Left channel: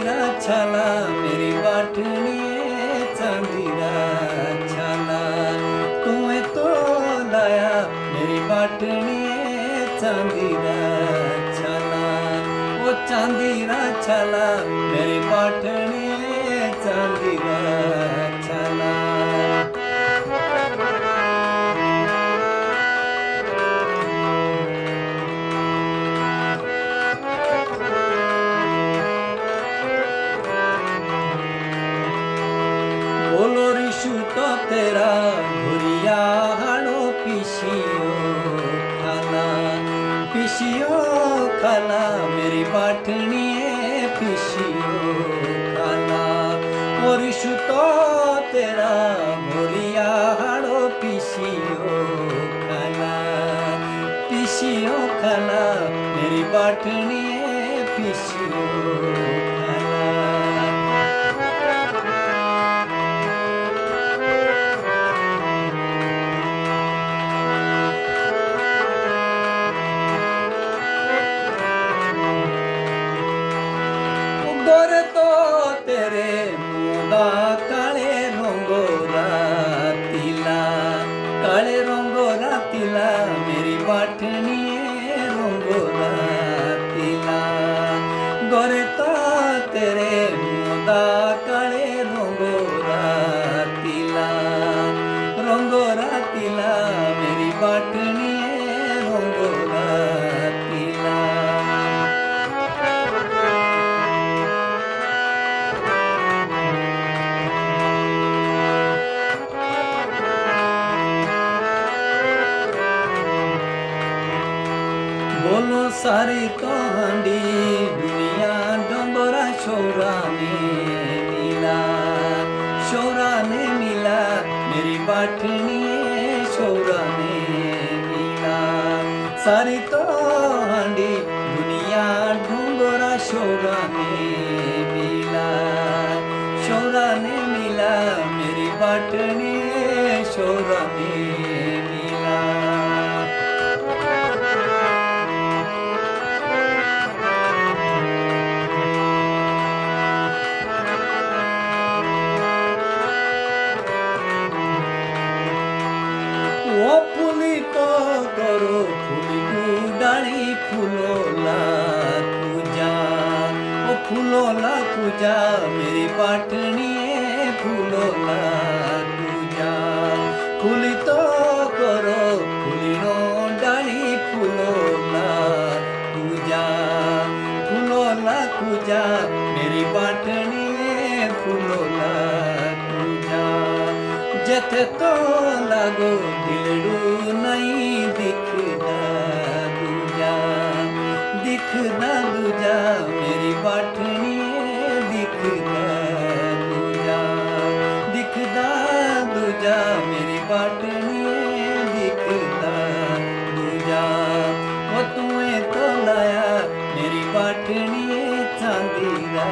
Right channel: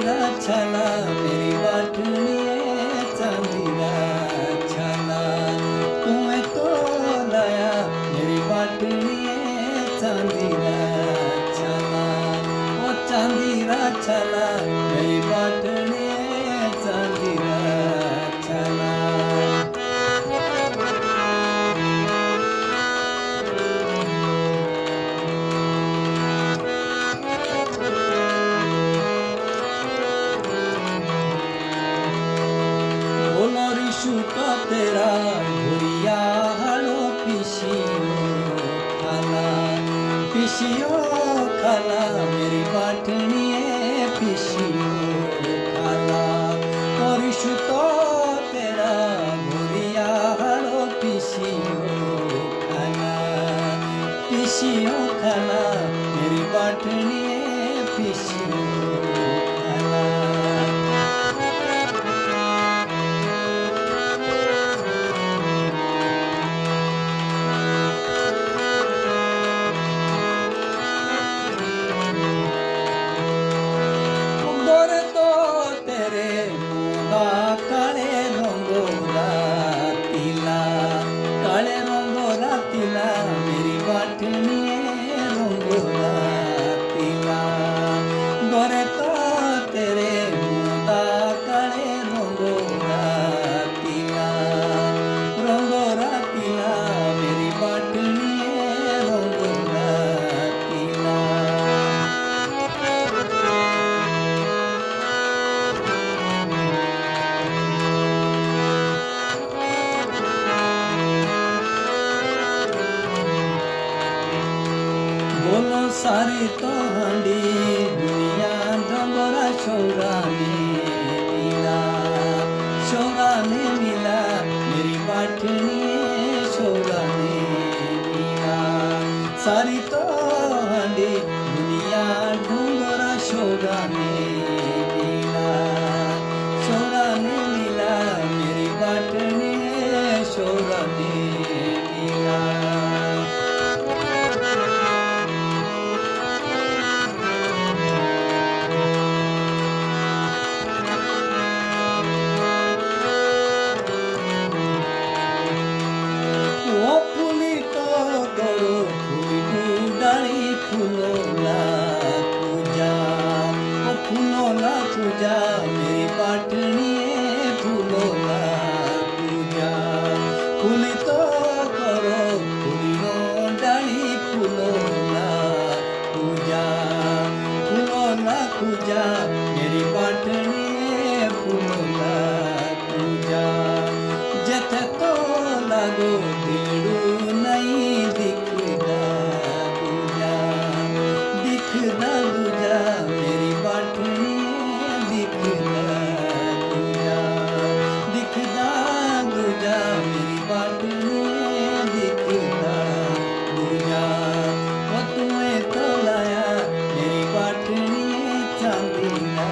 चांदीरा छाला मेरी बाटनिए चांदीरा छाला तुम्हें तो लाया मेरी बाटनिए चांदीरा छाला वो चांदीरा छाला मेरी बाटनिए चांदीरा छाला। बोलो रिशु तो तेरा घुरिया हाड़ो पिशियो खाला मेरी बाटनिए पिशियो खाला। ओ रिशु तो तेरा घुरिया हाड़ो पिशियो खाला मेरी बाटनिए पिशियो खाला। गोरे तो तेरे मोदा काले रंगोरा तिला मेरी बाटनिए रंगोरा तिला। गोरे तो तेरे मोदा काले रंगोरा तिला मेरी बाटनिए रंगोरा तिला। बोलो सारी तो हांडी दुनिया डोंगरा शौरा ने मिला मेरी बाटनिए शौरा ने मिला। सारी तो हांडी दुनिया डोंगरा शौरा ने मिला मेरी बाटनिए शौरा ने मिला। ओ फुली तो करो फुली डाली फूलोला पूजा मेरी बाटनिए फूलोला पूजा। फुली तो करो फुली डाली फूलोला पूजा मेरी बाटनिए फूलोला पूजा। जथे तो लागो दिलड़ू नहीं दिखना दूजा मेरी बाटनिए दिखना दूजा मेरी बाटनिए दिखना दूजा। वो तुम्हें तो लाया मेरी बाटनिए चांदीरा